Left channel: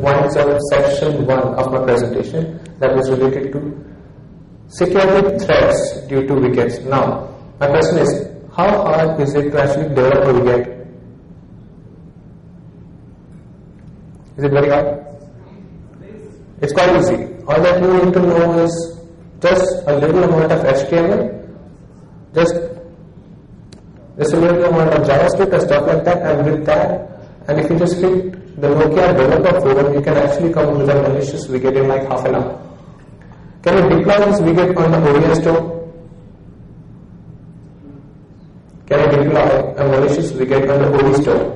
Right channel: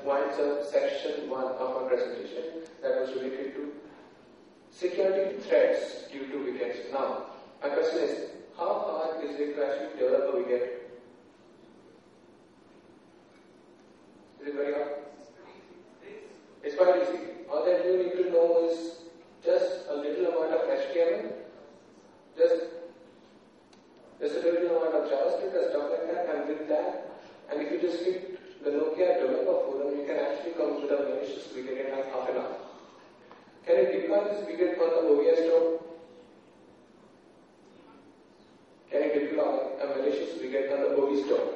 points of section 1 of my presentation that was related to security threats due to wickets. Now, my question is, how hard is it to actually develop a wicket? Is it very hard? It's quite easy. All that you need to know is just a little amount of HTML, just a little amount of JavaScript and stuff like that, and with that, and if you just hit the Nokia developer forum, you can actually come with a malicious widget in like half an hour. Can you deploy this widget on the OVS store? Can you deploy a malicious widget on the OVS store?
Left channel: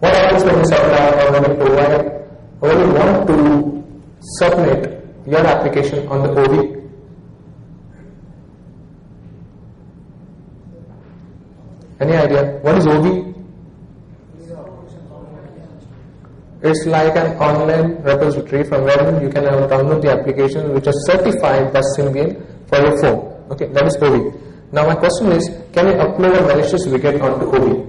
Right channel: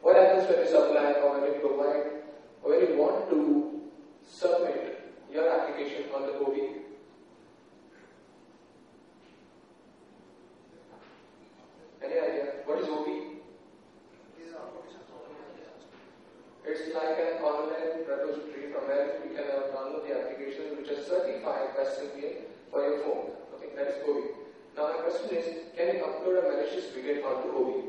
What happens when you submit or when you provide or when you want to submit your application on the OV? Any idea? What is OV? It's like an online repository from where you can download the applications which are certified by Symbian for your phone. Okay, that is OV. Now my question is, can you upload a malicious widget onto OV?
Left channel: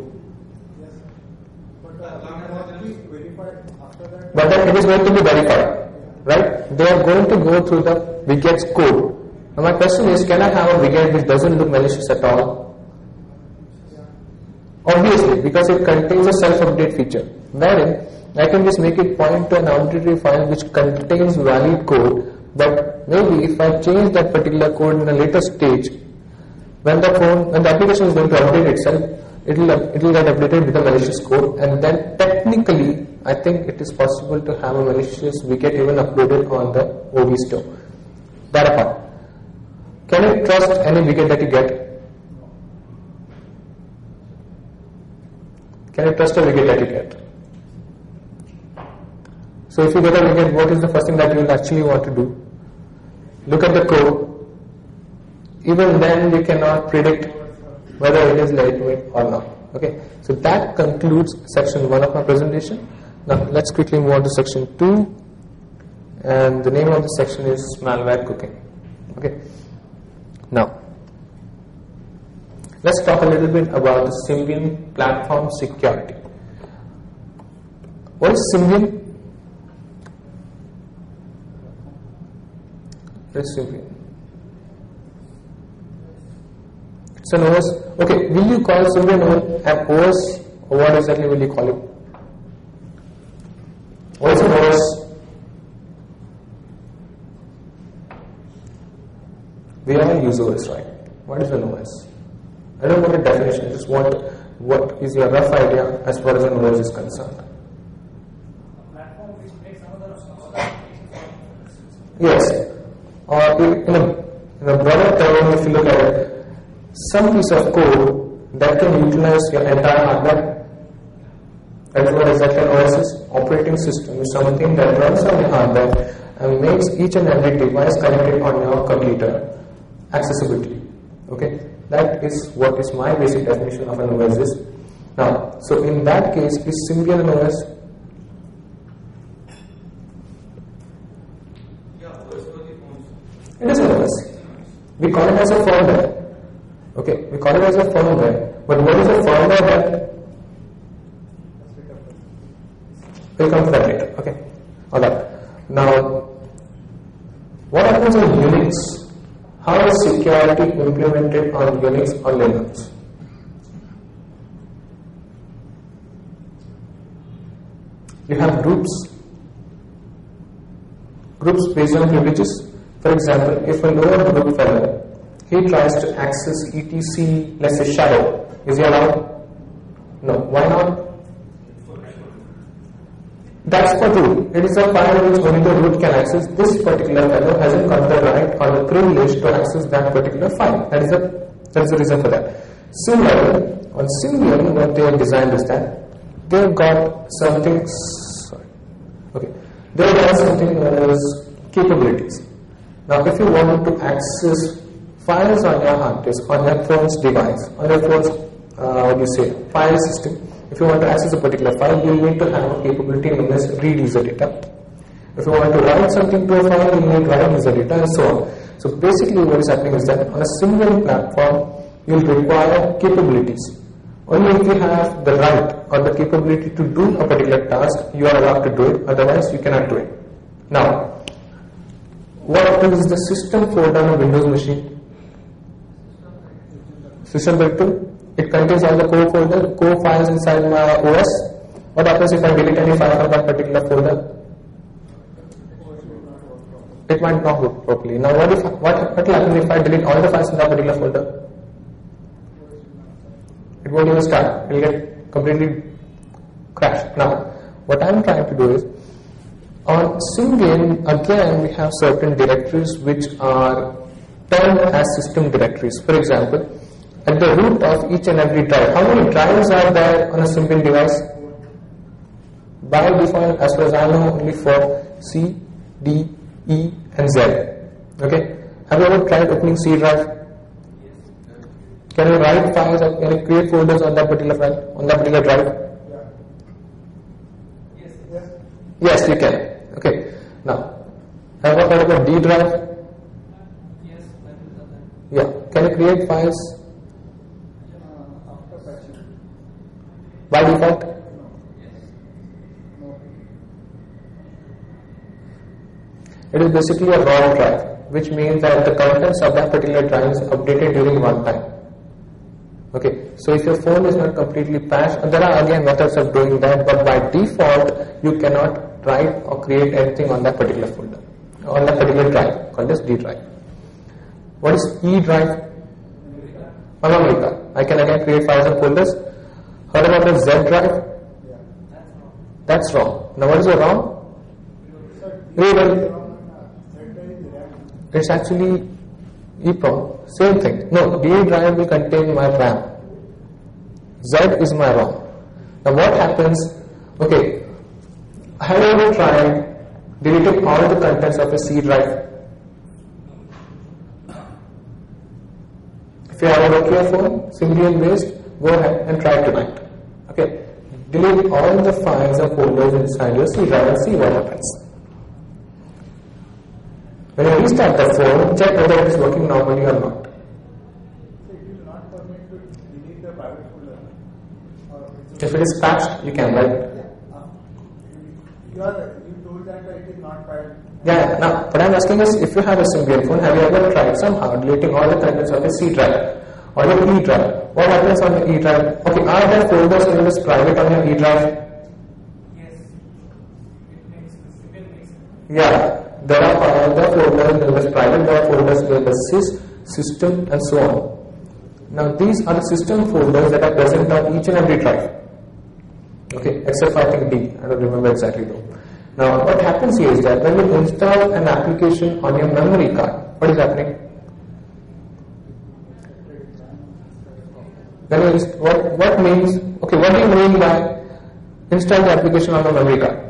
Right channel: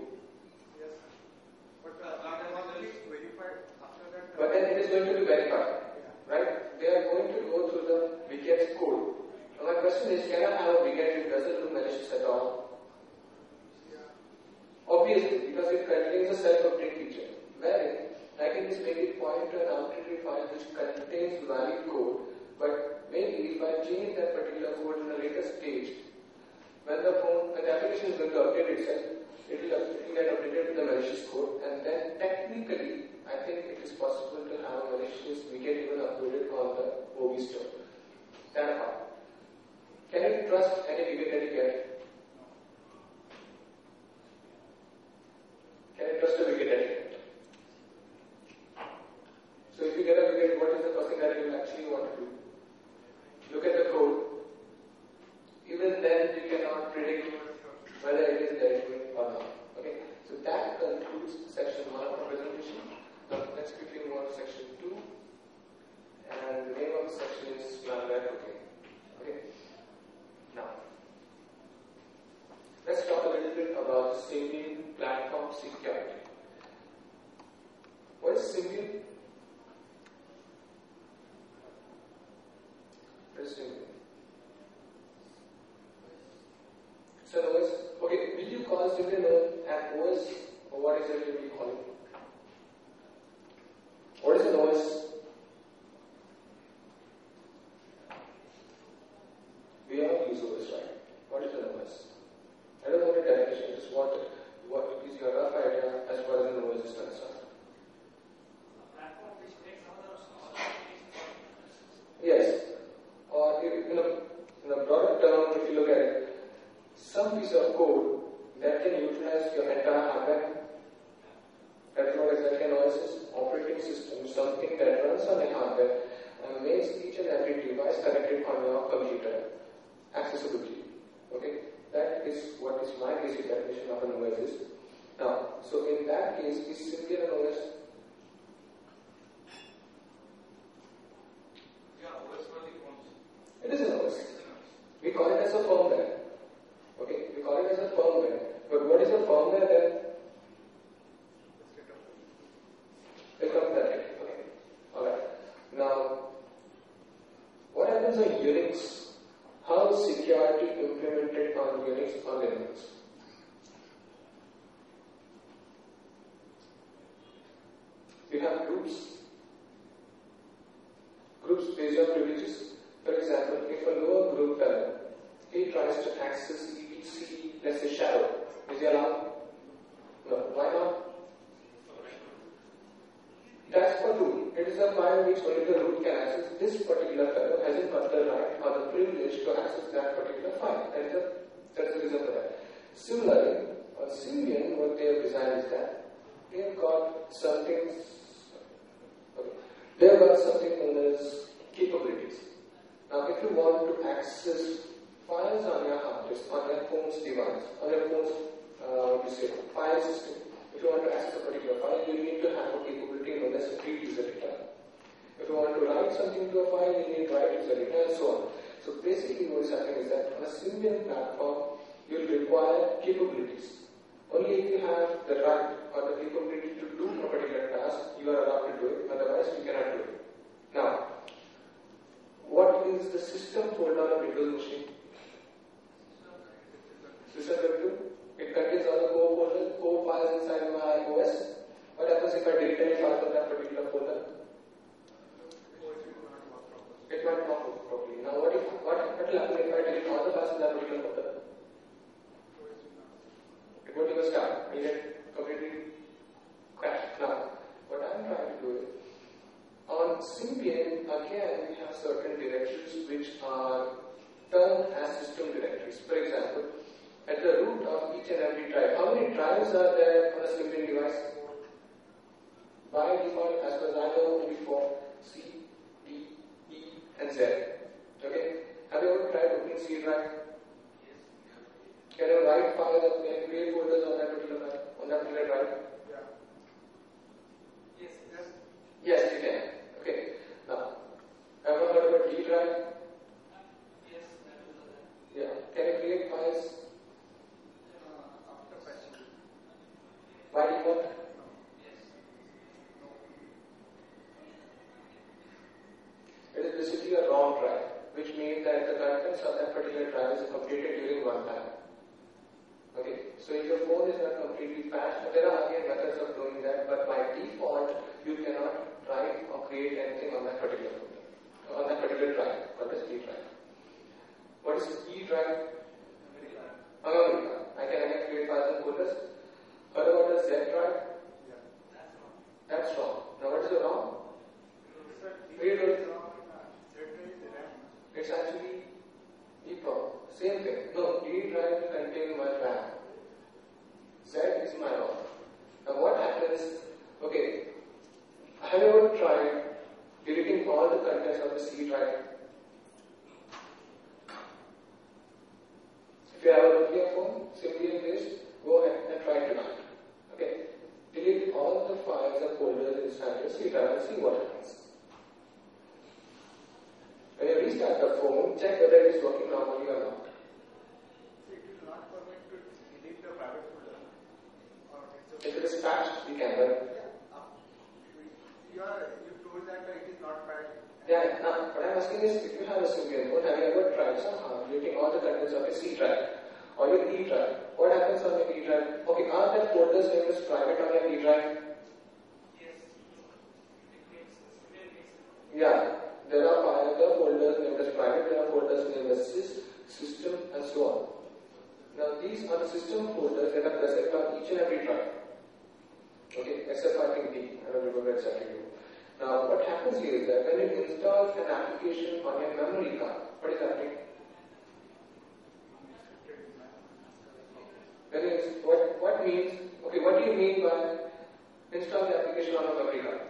But then it is going to be verified, right? They are going to go through the widget's code. Now my question is, can I have a widget which doesn't look malicious at all? Obviously, because it contains a self-update feature, wherein I can just make it point to an arbitrary file which contains valid code, but maybe if I change that particular code in a later stage, when the application is going to update itself, it will get updated with the malicious code, and then technically I think it is possible to have a malicious widget even uploaded on the OV store. That apart, can you trust any widget that you get? Can you trust a widget that you get? So if you get a widget, what is the first thing that you will actually want to do? Look at the code. Even then you cannot predict whether it is lightweight or not. Okay, so that concludes section 1 of my presentation. Now let's quickly move on to section 2, and the name of the section is malware cooking. Okay, now let's talk a little bit about the Symbian platform security. What is Symbian? What is Symbian? It's an OS. Okay, will you call Symbian an OS, or what exactly will you call it? What is an OS? We all use OS, right? What is an OS? I don't want a definition, I just want what is your rough idea as far as an OS is concerned. Yes, or in a broader term, if you look at it, some piece of code that can utilize your entire hardware. That is what exactly an OS is. Operating system is something that runs on your hardware and makes each and every device connected on your computer accessibility. Okay, that is what is my basic definition of an OS is. Now, so in that case, is Symbian an OS? It is an OS. We call it as a firmware. Okay, we call it as a firmware. But what is a firmware that? We'll come to that later. Okay, alright. Now, what happens on Unix? How is security implemented on Unix or Linux? You have groups based on privileges. For example, if a lower group fellow, he tries to access etc, let's say shadow, is he allowed? No. Why not? That's the rule. It is a file which only the root can access. This particular fellow hasn't got the right or the privilege to access that particular file. That is the reason for that. Similarly, on Symbian, what they have designed is that they have got something. They have got something known as capabilities. Now, if you want to access files on your hard disk, on your phone's device, on your phone's file system, if you want to access a particular file, you need to have a capability known as read user data. If you want to write something to a file, you need write user data, and so on. So basically what is happening is that on a Symbian platform, you'll require capabilities. Only if you have the right or the capability to do a particular task, you are allowed to do it, otherwise you cannot do it. Now, what is the system folder on a Windows machine? System directory. It contains all the core files inside my OS. What happens if I delete any file from that particular folder? It might not work properly. Now, what will happen if I delete all the files in that particular folder? It won't even start. It will get completely crashed. Now, what I am trying to do is, on Symbian, again, we have certain directories which are termed as system directories. For example, at the root of each and every drive, how many drives are there on a Symbian device? By default, as far as I know, only for C, D, E and Z. Okay. Have you ever tried opening C drive? Can you write files or can you create folders on that particular file, on that particular drive? Yes, you can. Okay. Now, have you heard about D drive? Yeah. Can you create files? By default? It is basically a raw drive, which means that the contents of that particular drive is updated during runtime. Okay, so if your phone is not completely patched, there are again methods of doing that, but by default, you cannot write or create anything on that particular folder, on that particular drive, called as D drive. What is E drive? Memory. I can again create files and folders. Heard about the Z drive? That's wrong. Now what is your ROM? It's actually EEPROM. Same thing. No, D drive will contain my RAM. Z is my ROM. Now what happens? Okay, have you ever tried deleting all the contents of a C drive? If you have a Nokia phone, Symbian based, go ahead and try tonight. Okay, delete all the files and folders inside your C drive and see what happens. When you restart the phone, check whether it is working normally or not. So it will not permit to delete the private folder? If it is patched, you can, right? You told that it is not private. Yeah, now what I am asking is, if you have a Symbian phone, have you ever tried somehow deleting all the contents of a C drive or an E drive? What happens on the E drive? Okay, are there folders in this private on your E drive? Yeah. There are folders, there is private, there are folders, there is sys, system and so on. Now these are the system folders that are present on each and every drive. Okay, except for I think D, I don't remember exactly though. Now what happens here is that when you install an application on your memory card, what is happening? What means, okay, what do you mean by install the application on a memory card?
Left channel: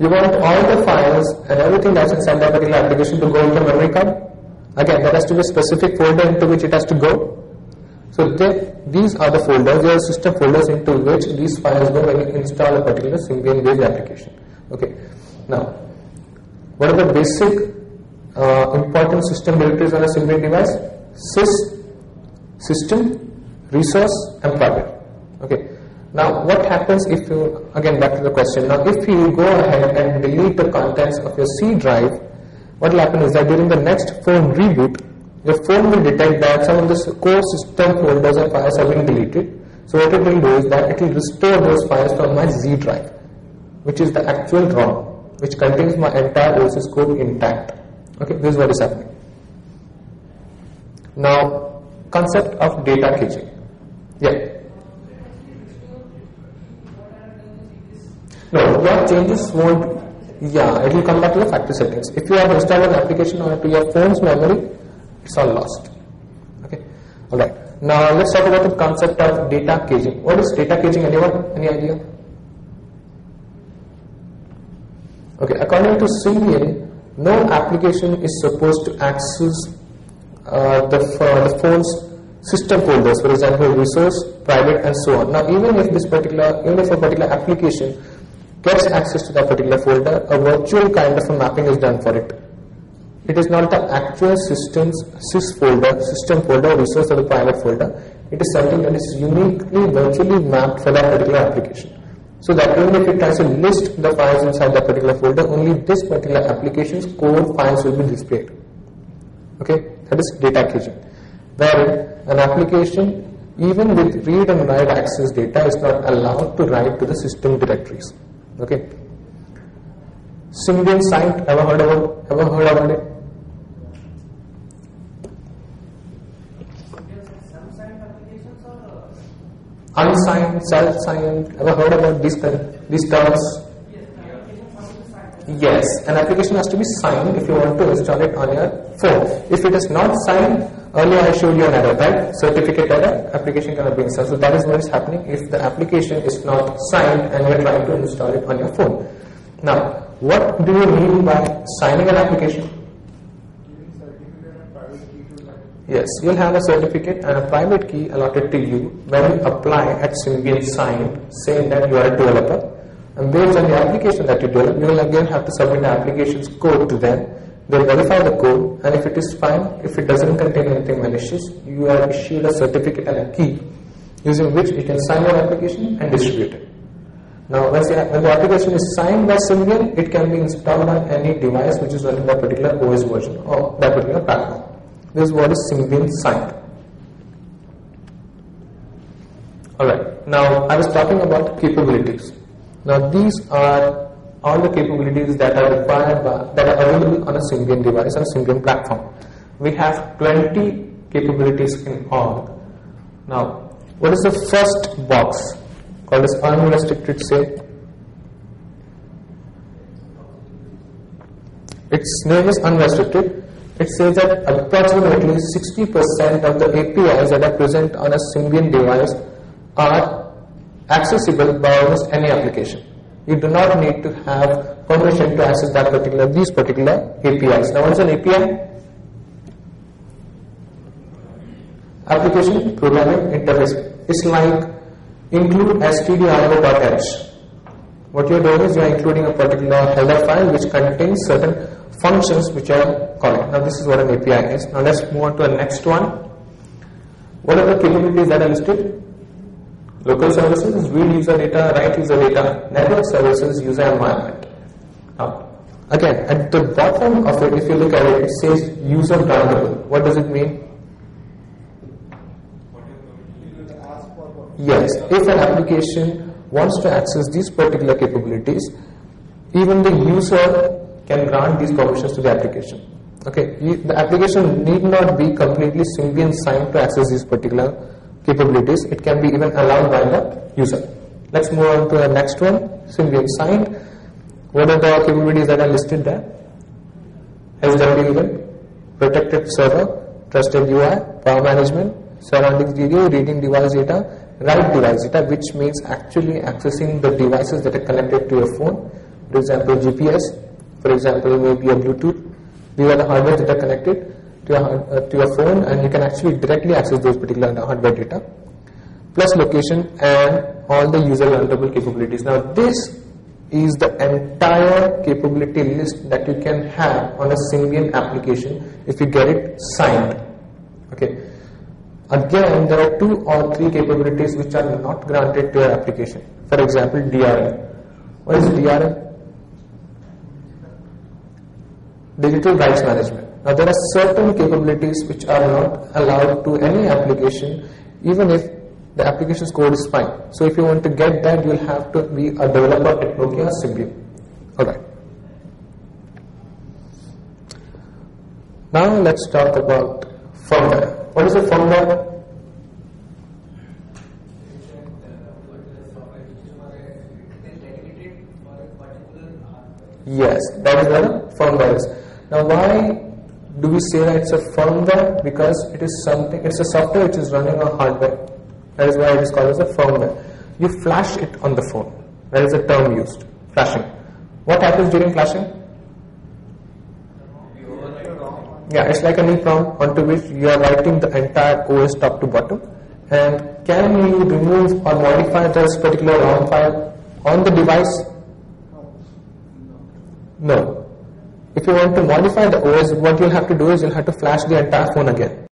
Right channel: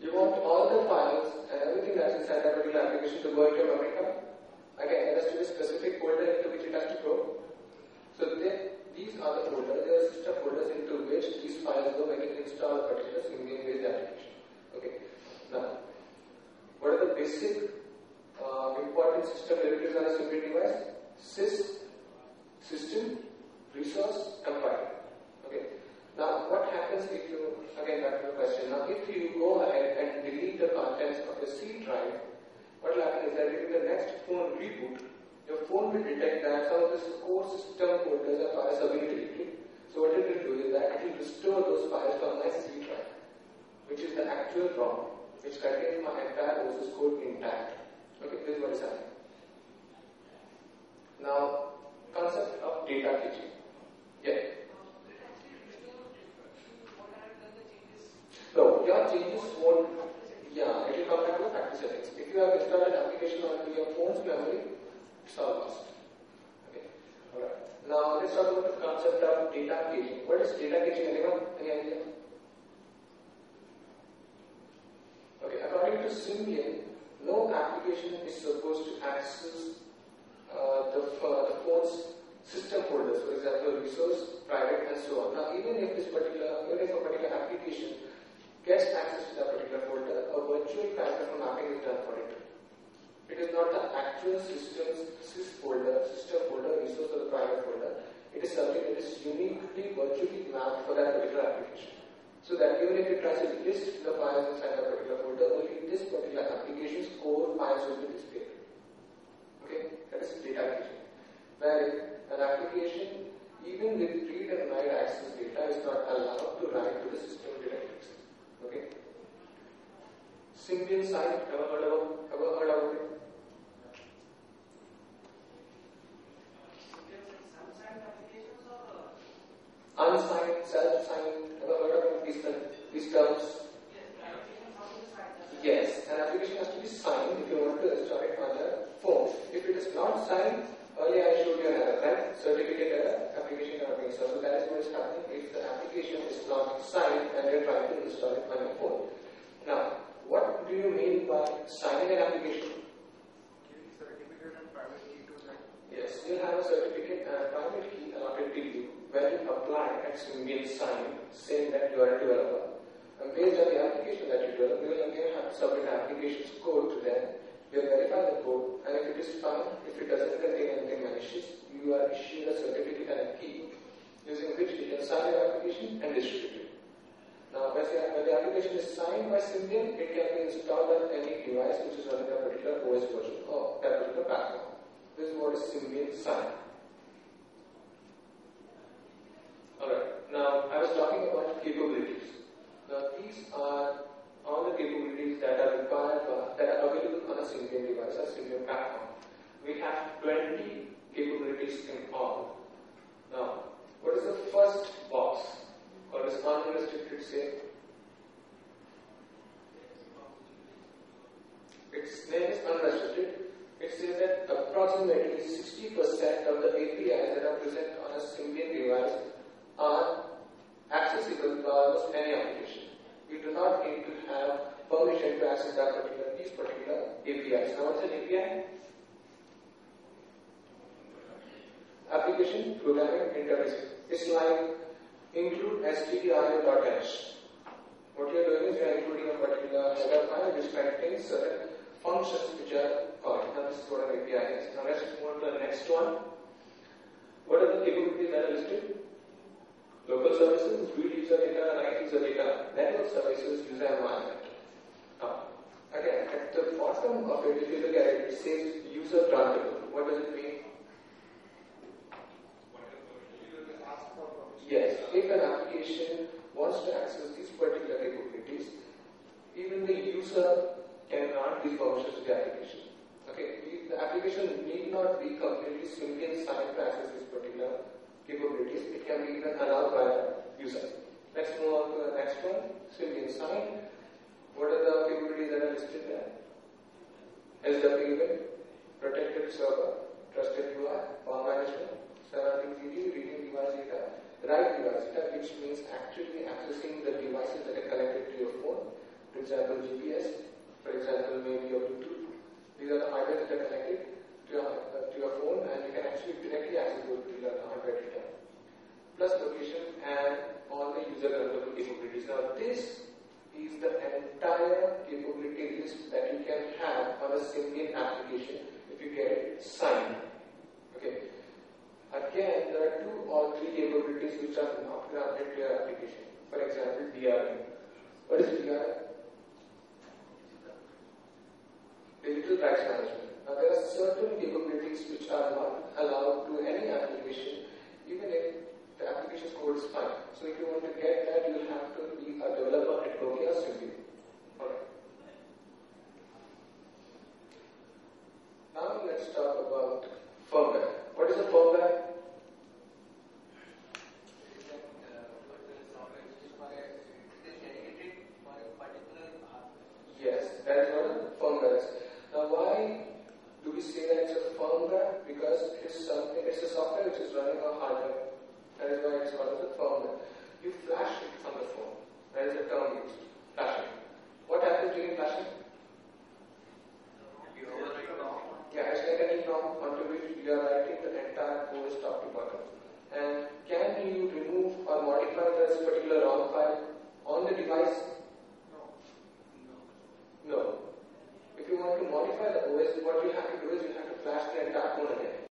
You want all the files and everything that's inside that particular application to go into memory card. Again, there has to be a specific folder into which it has to go. So these are the folders, they are system folders into which these files go when you install a particular Symbian based application. Okay. Now, what are the basic important system directories on a Symbian device? Sys, system, resource and private. Okay. Now what happens if you, again back to the question, now if you go ahead and delete the contents of your C drive, what will happen is that during the next phone reboot, your phone will detect that some of the core system folders and files have been deleted. So what it will do is that it will restore those files from my Z drive, which is the actual ROM, which contains my entire OS code intact. Okay, this is what is happening. Now, concept of data caching. Yeah. No, your changes won't, it will come back to the factory settings. If you have installed an application onto your phone's memory, it's all lost. Okay, alright. Now let's talk about the concept of data caching. What is data caching? Anyone? Any idea? Okay, according to Symbian, no application is supposed to access the phone's system folders, for example, resource, private, and so on. Now, even if a particular application gets access to that particular folder, a virtual kind of a mapping is done for it. It is not the actual system folder, resource or the private folder. It is something that is uniquely virtually mapped for that particular application. So that even if it tries to list the files inside that particular folder, only this particular application's code files will be displayed. Okay, that is data caging. Where an application, even with read and write access data, is not allowed to write to the system directories. Okay. Symbian Signed, ever heard about it? Unsigned, self-signed, ever heard about these terms? Yes, an application has to be signed if you want to install it on your phone. If it is not signed, earlier I showed you an error, right? Certificate error, application cannot be installed. So that is what is happening if the application is not signed and you are trying to install it on your phone. Now, what do you mean by signing an application? Yes, you'll have a certificate and a private key allotted to you when you apply at Symbian Signed, saying that you are a developer. And based on the application that you develop, you will again have to submit the application's code to them. They'll verify the code, and if it is fine, if it doesn't contain anything malicious, you are issued a certificate and a key using which you can sign your application and distribute it. Now, when the application is signed by Symbian, it can be installed on any device which is running that particular OS version or that particular platform. This is what is Symbian Signed. Alright, now I was talking about capabilities. Now these are all the capabilities that are required that are available on a Symbian device, on a Symbian platform. We have 20 capabilities in all. Now, what is the first box called as unrestricted say? Its name is unrestricted. It says that approximately 60% of the APIs that are present on a Symbian device are accessible by almost any application. You do not need to have permission to access these particular APIs. Now, what is an API? Application Programming Interface. It's like include stdio.h. What you're doing is you're including a particular header file which contains certain functions which are calling. Now, this is what an API is. Now, let's move on to the next one. What are the capabilities that are listed? Local services, read user data, write user data, network services, user environment. Now, again, at the bottom of it, if you look at it, it says user groundable. What does it mean? Yes, if an application wants to access these particular capabilities, even the user can grant these permissions to the application. Okay, the application need not be completely Symbian signed to access these particular capabilities. It can be even allowed by the user. Let's move on to the next one, Symbian signed. What are the capabilities that are listed there? SWE, protected server, trusted UI, power management, surroundings video, reading device data, write device data, which means actually accessing the devices that are connected to your phone. For example, GPS, for example, maybe a Bluetooth. These are the hardware that are connected to your phone, and you can actually directly access those particular hardware data, plus location and all the user learnable capabilities. Now, this is the entire capability list that you can have on a Symbian application if you get it signed. Okay. Again, there are 2 or 3 capabilities which are not granted to your application. For example, DRM. What is DRM? Digital rights management. Now, there are certain capabilities which are not allowed to any application, even if the application's code is fine. So, if you want to get that, you will have to be a developer at Nokia Symbian. Alright. Now, let's talk about firmware. What is a firmware? Yes, that is what a firmware is. Now, why do we say that it's a firmware? Because it is something, it's a software which is running on hardware. That is why it is called as a firmware. You flash it on the phone. That is the term used, flashing. What happens during flashing? Yeah, it's like an EEPROM onto which you are writing the entire OS top to bottom. And can you remove or modify this particular ROM file on the device? No. If you want to modify the OS, what you'll have to do is you'll have to flash the entire phone again.